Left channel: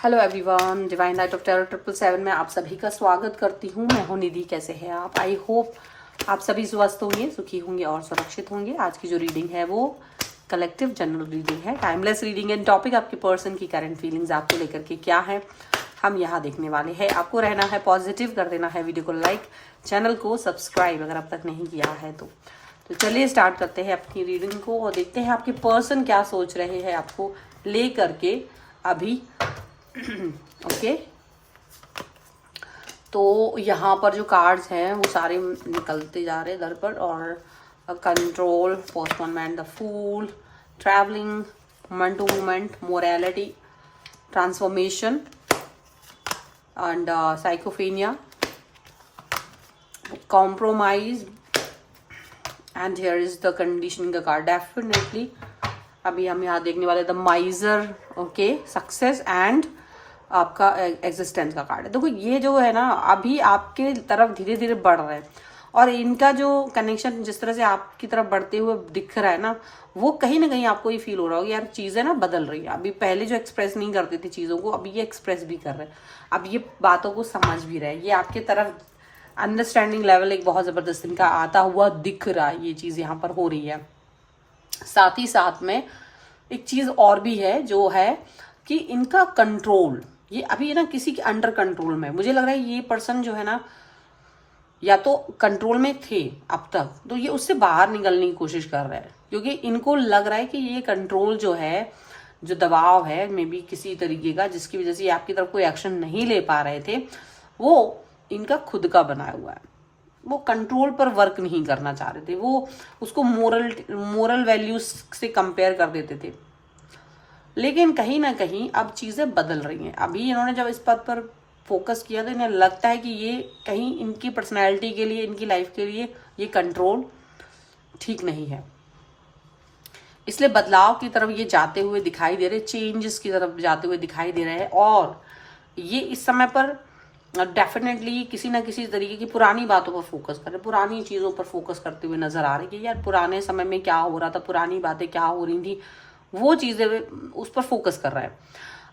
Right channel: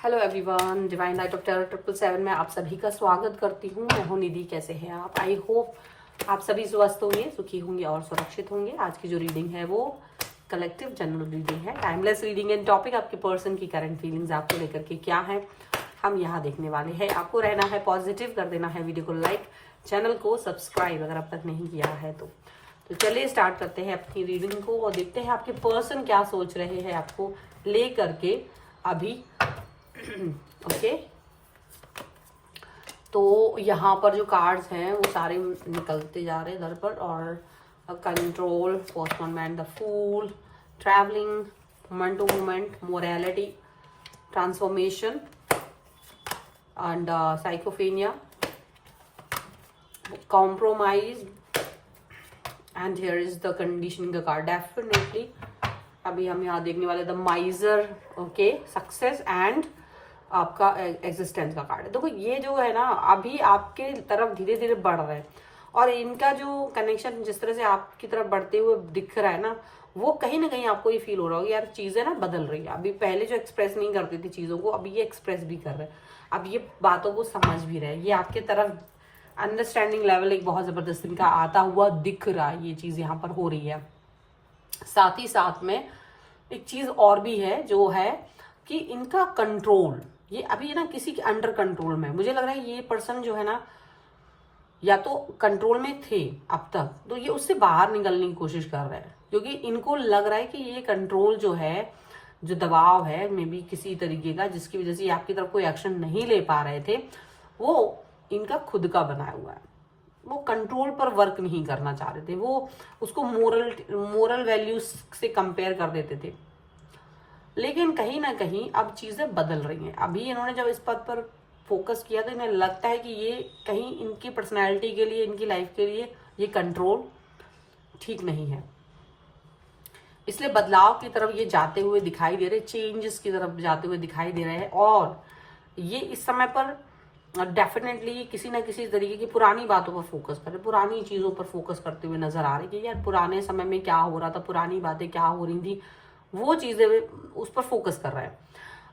Hello everyone, divine light of terror 777 में आप सभी का स्वागत करती हूँ। मैं हूँ निधि। कैसे हैं आप? आई होप आप सभी स्वस्थ होंगे, सुखी होंगे और सुरक्षित होंगे। आज की जो रीडिंग है वो कलेक्टिव जनरल रीडिंग है, टाइमलेस रीडिंग है। टॉपिक आपके पर्सन की करंट फीलिंग्स आपको लेकर के क्या है हम यहाँ देखने वाले हैं। आपको रहना है पॉजिटिव, कर देना है वीडियो को लाइक, चैनल को सब्सक्राइब अगर अब तक नहीं किया है तो चलिए स्टार्ट करते हैं अपनी रीडिंग को और देखते हैं आपके पर्सन क्या सोच रहे हैं आपको ले करके अभी। ओके तो यहाँ पर जो कार्ड्स हैं वो सारे निकलते जा रहे हैं इधर पर, और control, postponement, the fool, travelling, moment to moment, morality, transformation and sycophancy, compromise and here is the conditioning का कार्ड। डेफिनेटली अभी हम यहाँ देखने वाले the miser, okay, success and आपका एग्जिस्टेंस का कार्ड है। देखो ये जो है ना अभी आपके तरफ धीरे धीरे बढ़ रहे हैं और इनका जो कनेक्शन जिस तरह से आपकी तरफ बढ़ते हुए दिख रहा है ना, वो कहीं ना कहीं आपको ये फील हो रहा होगा यार चीजें ना बदल रही है। अभी पहले जो एक्सप्रेस नहीं करती थी चीजों को, अभी ये एक्सप्रेस भी कर रहे हैं, अब ये बातों को समझ भी रहे हैं। ये आपके तरफ अंडरस्टैंडिंग लेवल एक बहुत जबरदस्त इनका आता हुआ दिख रहा है। ये चीज यहाँ पर हो रही है। साथ ही साथ में एक चीज और भी है जो है कि इनका कंट्रोल, ये अभी ना किसी के अंडर कंट्रोल में। मुझे लग रहा है ये पर्सन जो है ना या तो कंट्रोल में थे अब तक, तो ये उससे बाहर निकलने की कोशिश कर रहे हैं, क्योंकि इनको लग रहा है कि ये कंट्रोल जो है, जो दबाव है मे बी किसी तरीके का, जिसकी वजह से ये आपकी तरफ कोई एक्शन नहीं ले पा रहे थे, वो इनका खुद का बनाया हुआ है। वो कंट्रोल पर वर्क नहीं करना चाह रहे थे, वो उसको मोरल वैल्यूज से कंपेयर कर देते थे। लेकिन कहीं ना कहीं अब चीजें बदल रही हैं। अभी इन्होंने जब इस बात पर फोकस किया तो इन्हें लगता है कि ये कहीं इनकी पर्सनैलिटी के लिए, इनकी लाइफ के लिए ये कंट्रोल ठीक नहीं है। इसलिए बदलाव की तरफ ये जाते हुए दिखाई दे रहे, चेंजेस की तरफ जाते हुए दिखाई दे रहे हैं। और ये इस समय पर डेफिनेटली किसी ना किसी तरीके की पुरानी बातों पर फोकस कर रहे, पुरानी चीजों पर फोकस करते हुए नजर आ रहे कि यार पुराने समय में क्या हो रहा था, पुरानी बातें क्या हो रही थी, वो चीजें उस पर फोकस कर रहा है।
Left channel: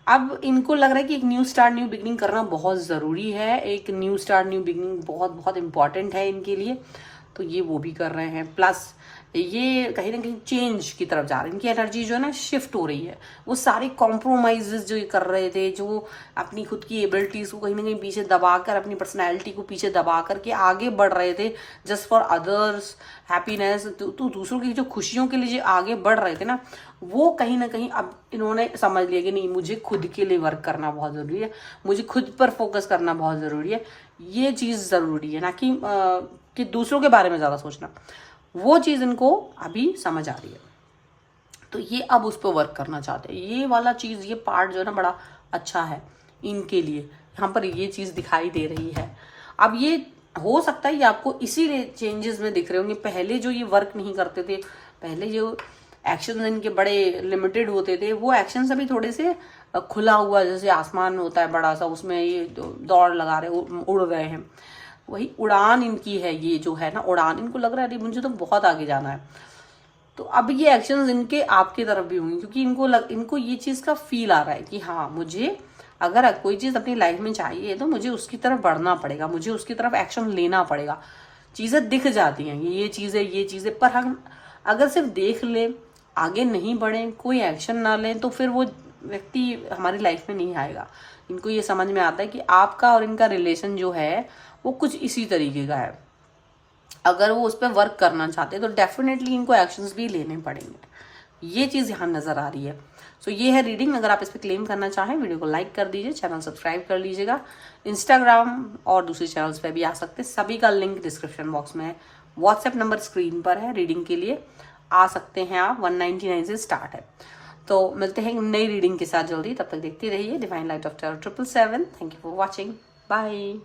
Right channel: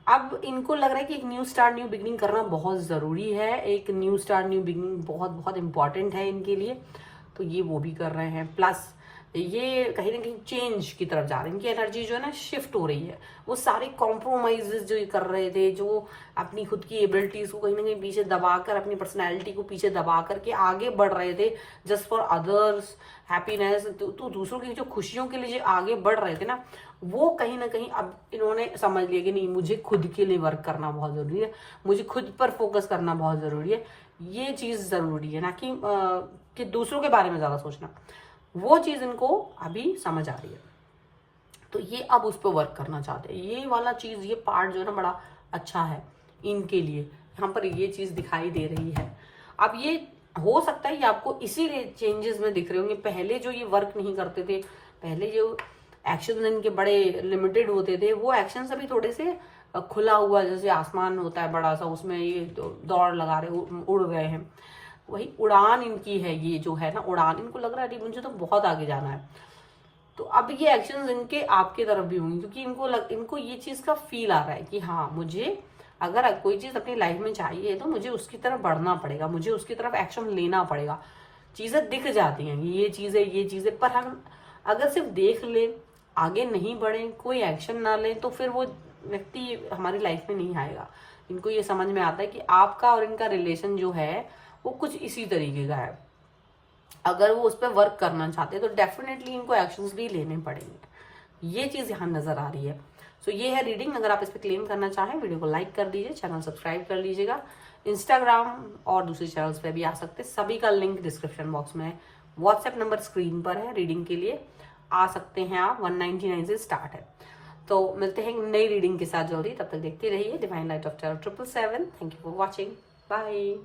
अब इनको लग रहा है कि एक न्यू स्टार्ट, न्यू बिगनिंग करना बहुत जरूरी है। एक न्यू स्टार्ट, न्यू बिगनिंग बहुत बहुत इंपॉर्टेंट है इनके लिए, तो ये वो भी कर रहे हैं। प्लस ये कहीं ना कहीं चेंज की तरफ जा रहे हैं। इनकी एनर्जी जो है ना शिफ्ट हो रही है। वो सारे कॉम्प्रोमाइजेस जो ये कर रहे थे, जो अपनी खुद की एबिलिटीज को कहीं ना कहीं पीछे दबाकर, अपनी पर्सनैलिटी को पीछे दबा करके आगे बढ़ रहे थे जस्ट फॉर अदर्स हैप्पीनेस, तो दूसरों की जो खुशियों के लिए जो आगे बढ़ रहे थे ना, वो कहीं ना कहीं अब इन्होंने समझ लिया कि नहीं, मुझे खुद के लिए वर्क करना बहुत जरूरी है, मुझे खुद पर फोकस करना बहुत जरूरी है। ये चीज जरूरी है, ना कि दूसरों के बारे में ज्यादा सोचना। वो चीज इनको अभी समझ आ रही है, तो ये अब उस पर वर्क करना चाहते हैं। ये वाला चीज, ये पार्ट जो है ना बड़ा अच्छा है इनके लिए। यहाँ पर ये चीज दिखाई दे रही है। अब ये हो सकता है ये आपको इसी चेंजेस में दिख रहे होंगे। पहले जो ये वर्क नहीं करते थे, पहले जो एक्शन इनके बड़े लिमिटेड होते थे, वो एक्शन अभी थोड़े से खुला हुआ, जैसे आसमान होता है बड़ा सा, उसमें ये दौड़ लगा रहे, उड़ रहे हैं। वही उड़ान इनकी है। ये जो है ना उड़ान, इनको लग रहा है मुझे तो बहुत आगे जाना है। तो अब ये एक्शंस इनके आपकी तरफ भी होंगे, क्योंकि इनको ये चीज का फील आ रहा है कि हाँ, मुझे अगर कोई चीज अपनी लाइफ में चाहिए तो मुझे उसकी तरफ बढ़ना पड़ेगा, मुझे उसकी तरफ एक्शन लेना पड़ेगा। चीजें दिख जाती हैं, ये चीजें, पर हम अगर सिर्फ देख ले, आगे नहीं बढ़े, कोई एक्शन ना लें, तो फिर वो व्यक्ति हमारी लाइफ में नहीं आएगा। इनको ये समझ में आता है कि आपका और इनका रिलेशन जो है वो कुछ इसी तरीके का है। अगर वो उस पर वर्क करना चाहते हैं तो डेफिनेटली इनको एक्शंस भी लेने पड़ेंगे। ये चीज यहाँ नजर आ रही है। सो ये है रीडिंग। अगर आप इस पर क्लेम करना चाहें, वीडियो को लाइक कर दीजिए, चैनल सब्सक्राइब कर लीजिएगा। इंस्टाग्राम और दूसरे चैनल्स पे भी आ सकते हैं, सभी का लिंक डिस्क्रिप्शन बॉक्स में है। व्हाट्सएप नंबर स्क्रीन पर है, रीडिंग के लिए आ सकते हैं आप। 199 से स्टार्ट है। तो मिलते हैं नई रीडिंग के साथ जल्दी। तब तक देखते रहिए divine light of terror 777। Thank you for watching. Bye.